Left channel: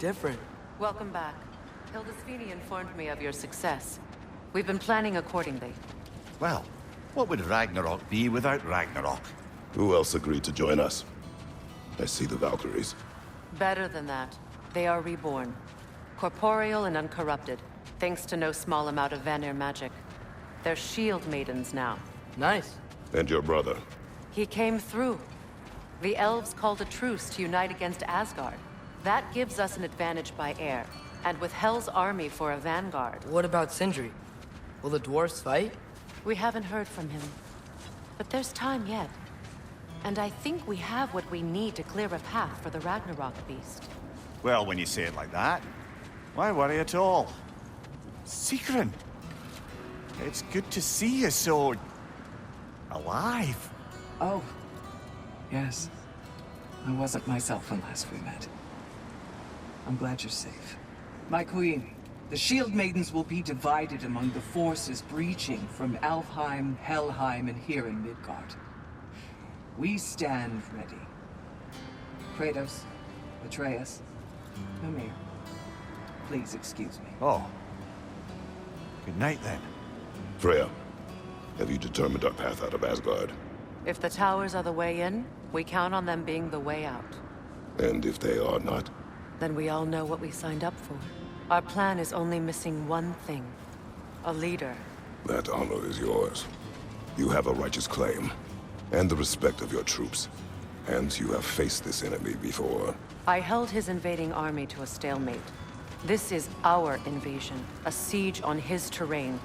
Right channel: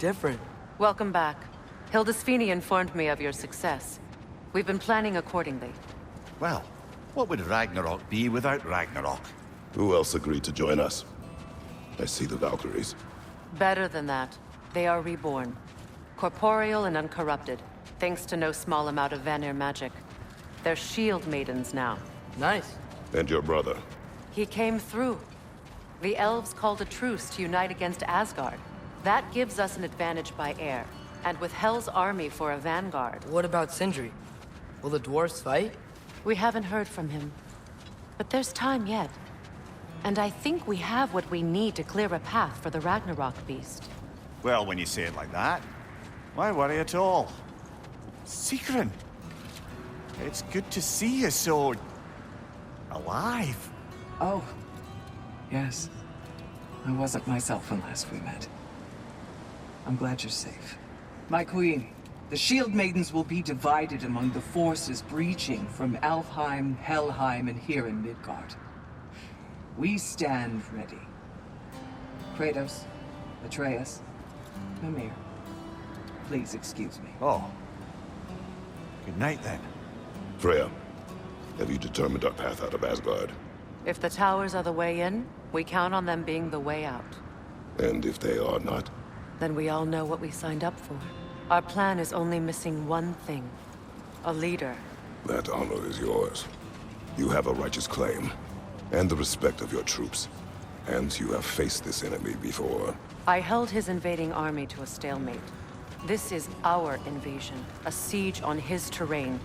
different. Welcome back. Hildisfini informed me of your success. We've been planning accordingly. Well, what would Ragnarok be without Ragnarok? Who else agreed to join us? I see the Valkyries. Better than that. They are reborn. Corporeal and uncorrupted, thanks to no small amount of Vanir magic. They're shield maidens now. Nice. And your brother. He came through. The elves called a truce to unite against Asgard. That gives us an advantage by air. And with Hell's army for a vanguard. What about Sindri? Will the dwarves fight? We haven't heard from him. But there's time yet. And I think we have what we need to clear a path for the Ragnarok beast. Well, when you say it like that, why worry at all? Secret, it's good to see you so... alive. Oh, yes. I wasn't myself unless we met. I'm glad you're safe. My queen, the Shield Maidens will be divided among the forces breaching from Alfheim, Helheim, and here in Midgard. We stand ready. Kratos, Atreus, Mimir, please excuse me. Oh. Good night, then. Freya, have you determined our path out of Asgard? If the towers are the way in, we count on them being the way out. And if they are not? Then we all know what we signed up for. Our plan is only missing one thing. A leader. That honor is yours. You have a righteous claim, and the respect of your troops. And you have faced this enemy before. I held his invading army to a stalemate. This is our invasion, a siege on his terrain.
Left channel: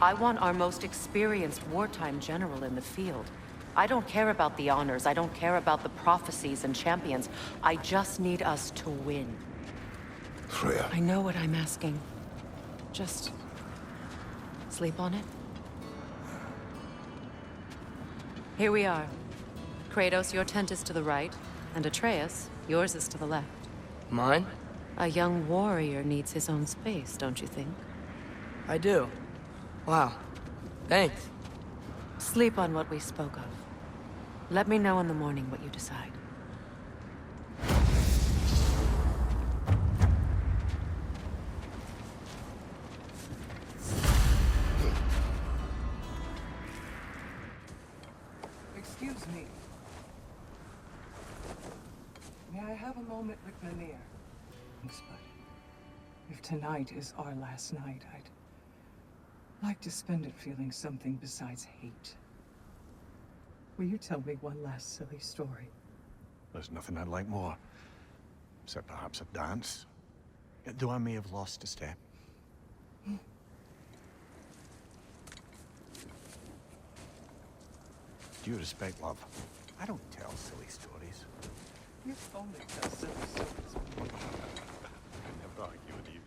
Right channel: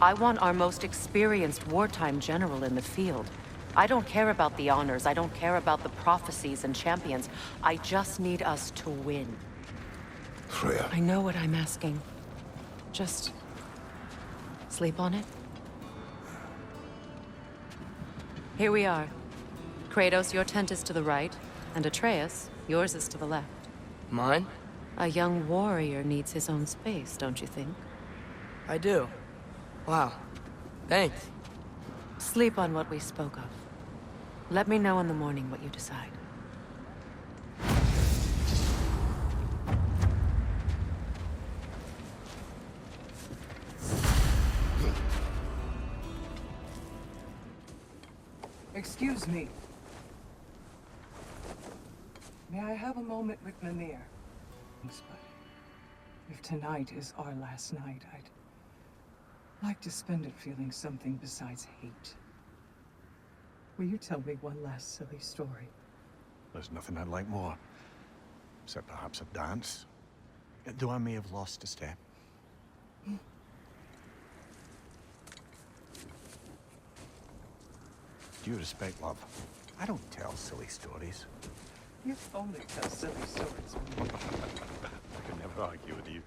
I want our most experienced wartime general in the field. I don't care about the honors, I don't care about the prophecies and champions. I just need us to win. Freya. I know what I'm asking. Just... sleep on it? Here we are. Kratos, your tent is to the right, and Atreus, yours is to the left. Mine? A young warrior needs his own space, don't you think? I do. Wow. Thanks. Sleep on what we spoke of. Let me know in the morning what you decide. Excuse me. May I have a moment with Mimir? But if tonight is our last night, I'd like to spend it feeling something besides hate. Will you tell me one last silly story? There's nothing I'd like more. Except perhaps a dance. Though I may have lost a step. Due respect, love. I don't tell silly stories. You only tell silly stories. I can never argue with you.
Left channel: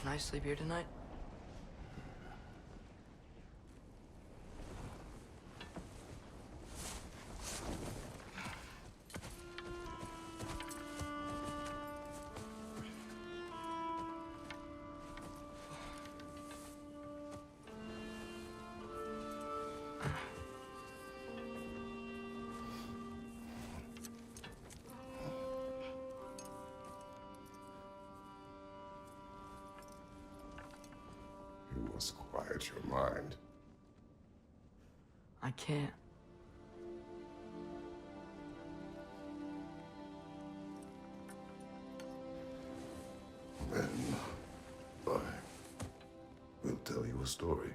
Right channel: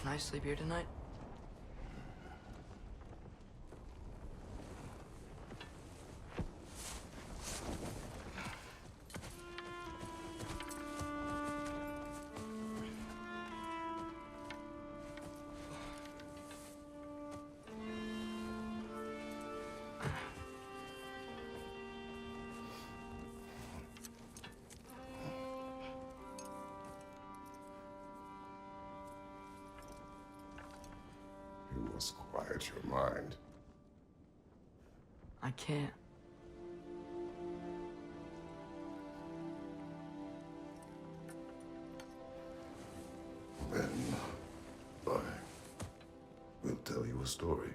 Can I sleep here tonight? You must quiet your mind. I can't. story.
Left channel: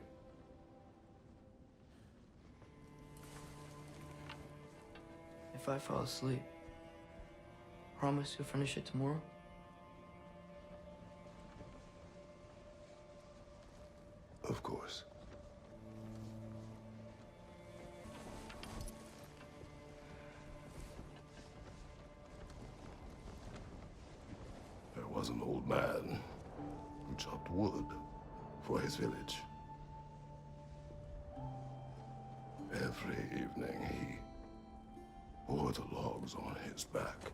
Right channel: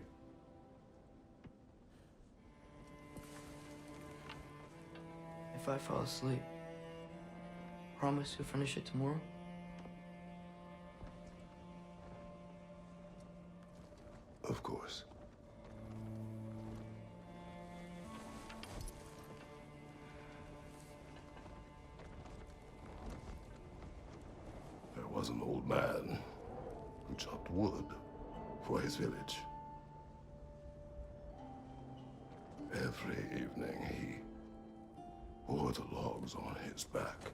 If I fall asleep, promise you'll finish it tomorrow? Of course. There was an old man who chopped wood for his village. Every evening he bore the logs on his back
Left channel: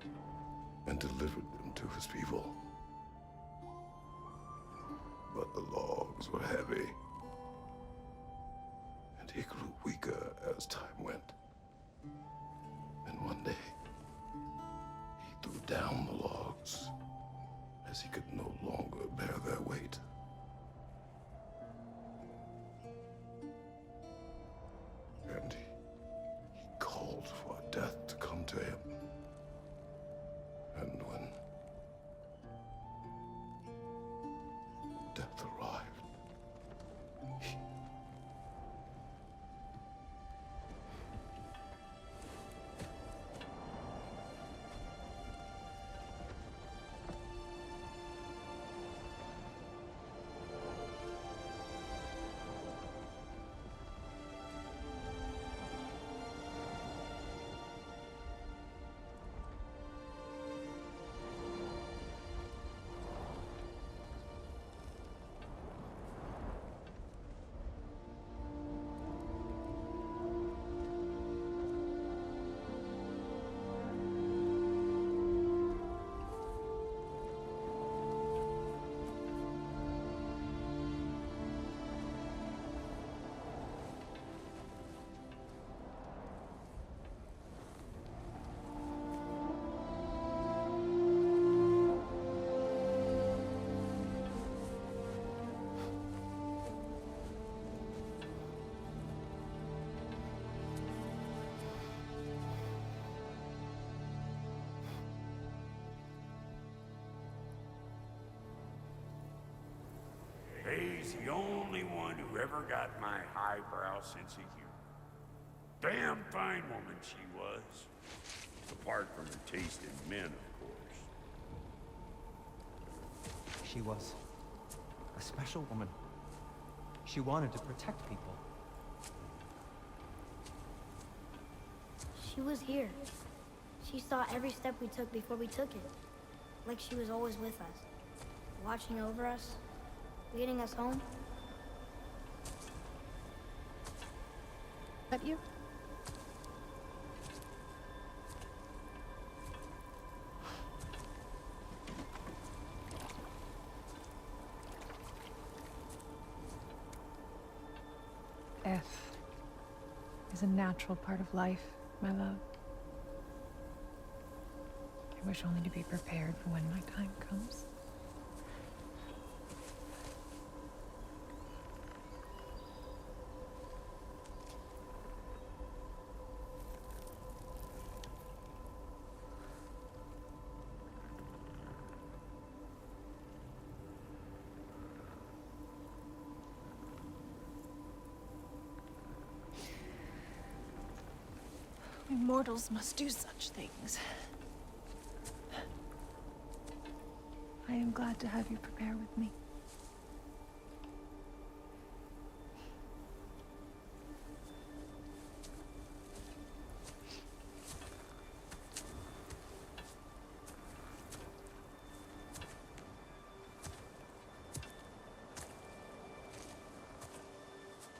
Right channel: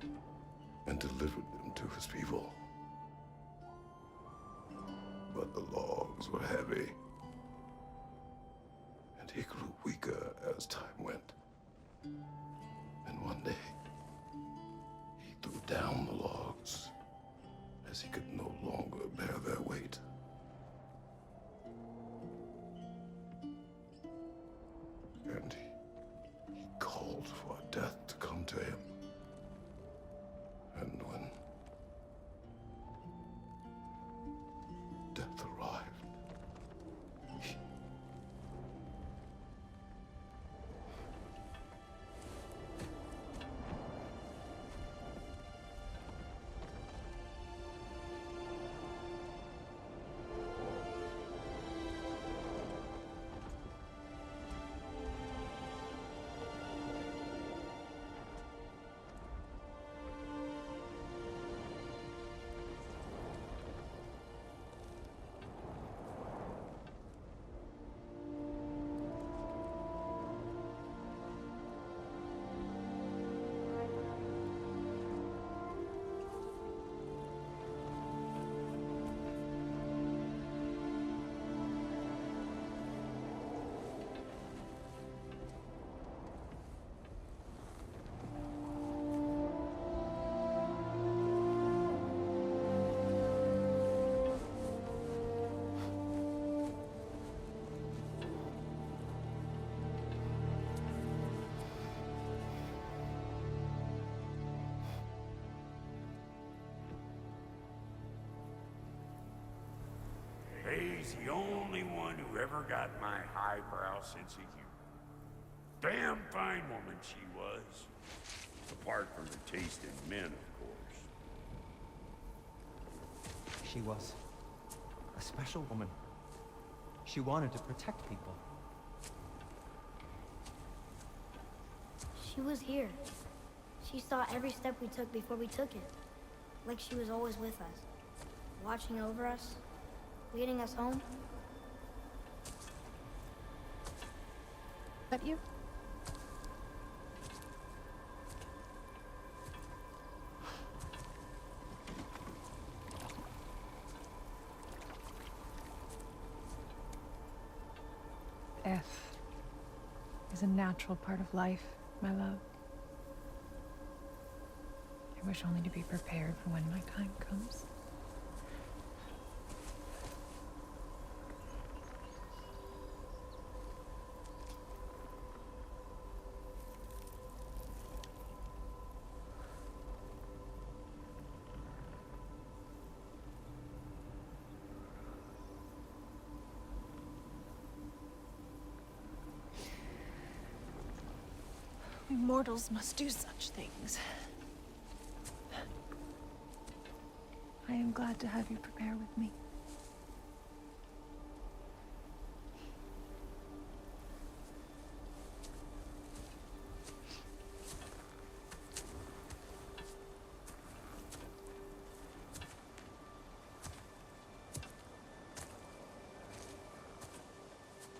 and delivered them to his people. But the logs were heavy, and he grew weaker as time went. And one day, he threw down the logs as he could no longer bear their weight. And he called for death to come to him. And when death arrived, He's the only one who ever got my highbrow sense of humor. Damn fine woman she was. Apart from her taste in men, of course. She was a special woman. She wanted to protect people. She was here. She saw every step we took before we took it. Like she was always with us. Watching over us. Leading us home. That you? Death is a natural part of life, my love. I wish only to be prepared for when my time comes. We mortals must do such things. I am glad to have you prepare with me.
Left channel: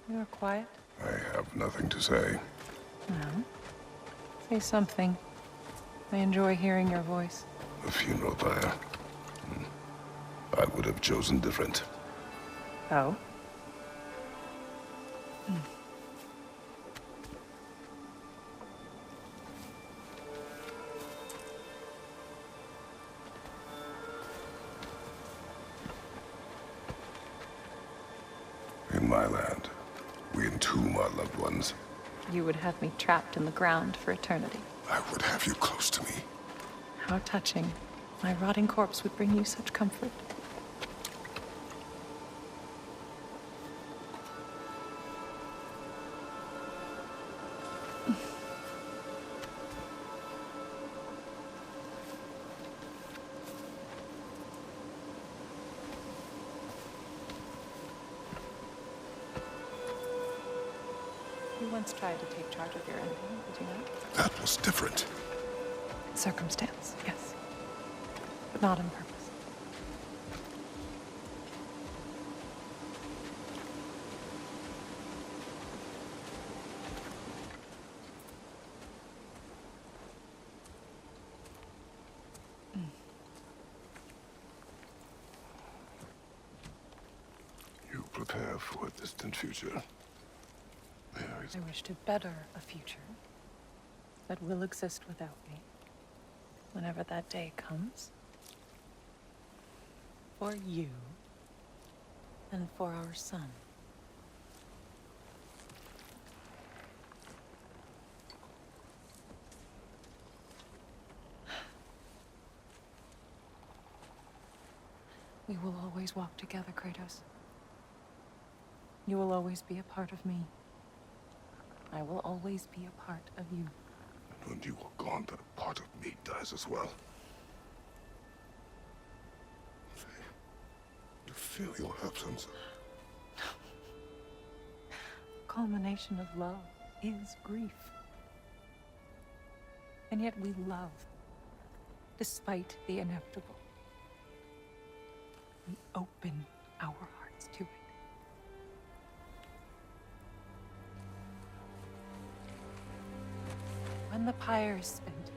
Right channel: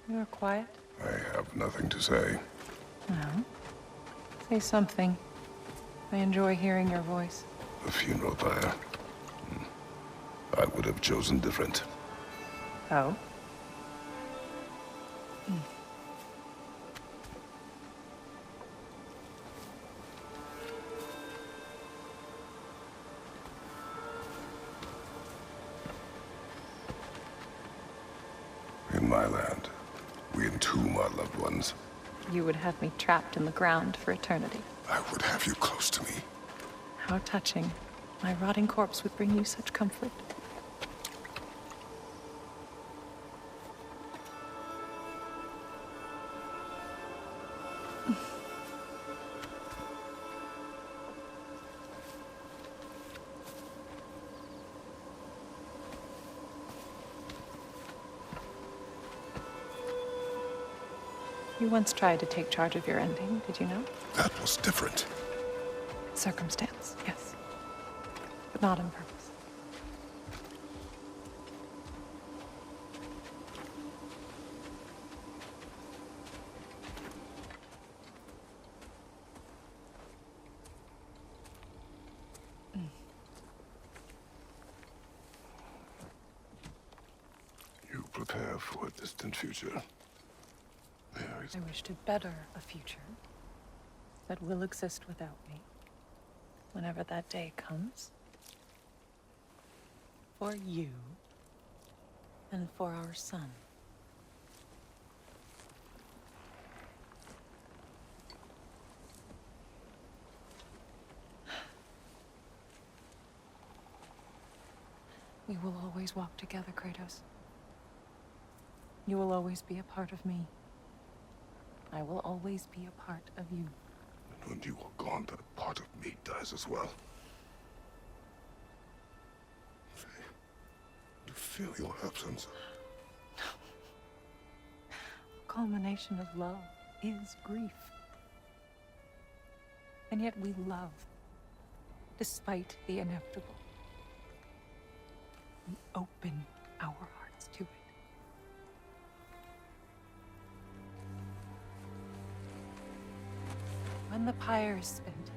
You are quiet? I have nothing to say. No. Say something. I enjoy hearing your voice. A funeral pyre. I would have chosen different. Oh? In my land, we entomb our loved ones. You would have me trapped in the ground for eternity. I would have you close to me. How touching. My rotting corpse would bring you such comfort. You once tried to take charge of your ending, did you know? That was different. Circumstance, yes. But not on purpose. You prepare for a distant future. I wish to better a future that will exist without me, whenever that day comes. For you, and for our son. We will always walk together, Kratos. You will always be a part of me. I will always be a part of you. And when you are gone, that part of me dies as well. You feel your absence. Culmination of love is grief. And yet we love, despite the inevitable. We open our hearts to it. When the pyre is spent,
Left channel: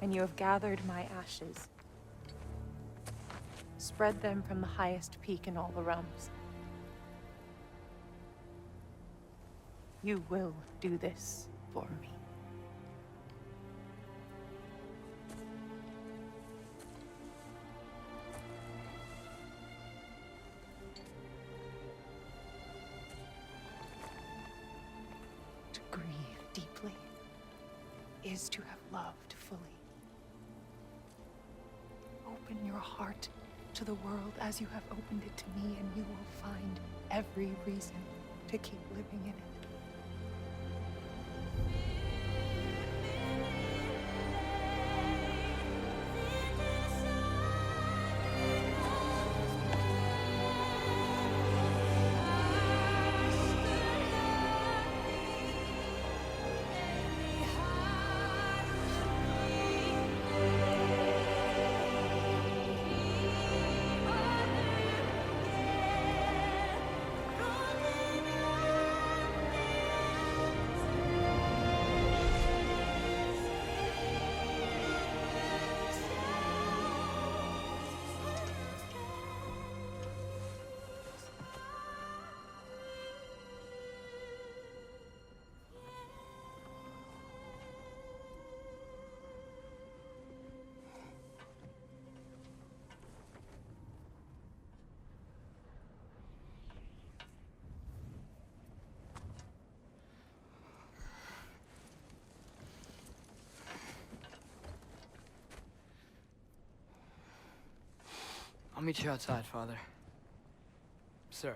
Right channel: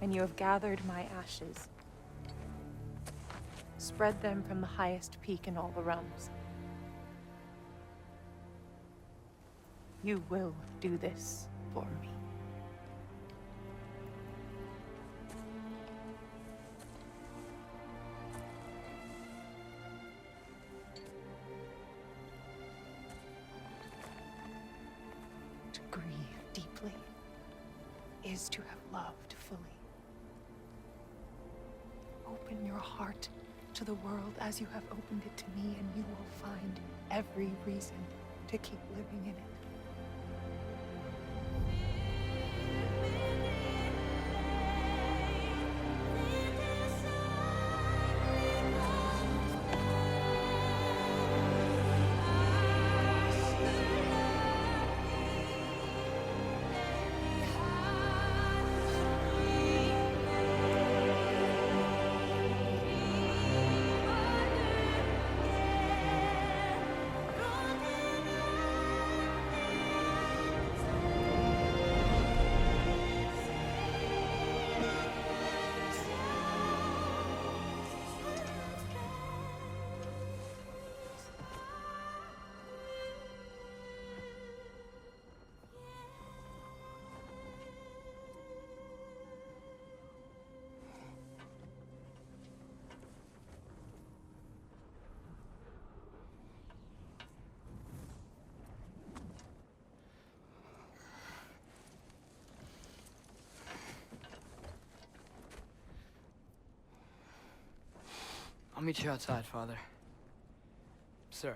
and you have gathered my ashes, spread them from the highest peak in all the realms. You will do this for me. To grieve deeply is to have loved fully. Open your heart to the world as you have opened it to me, and you will find every reason to keep living in it. I'll meet you outside, Father. Sir.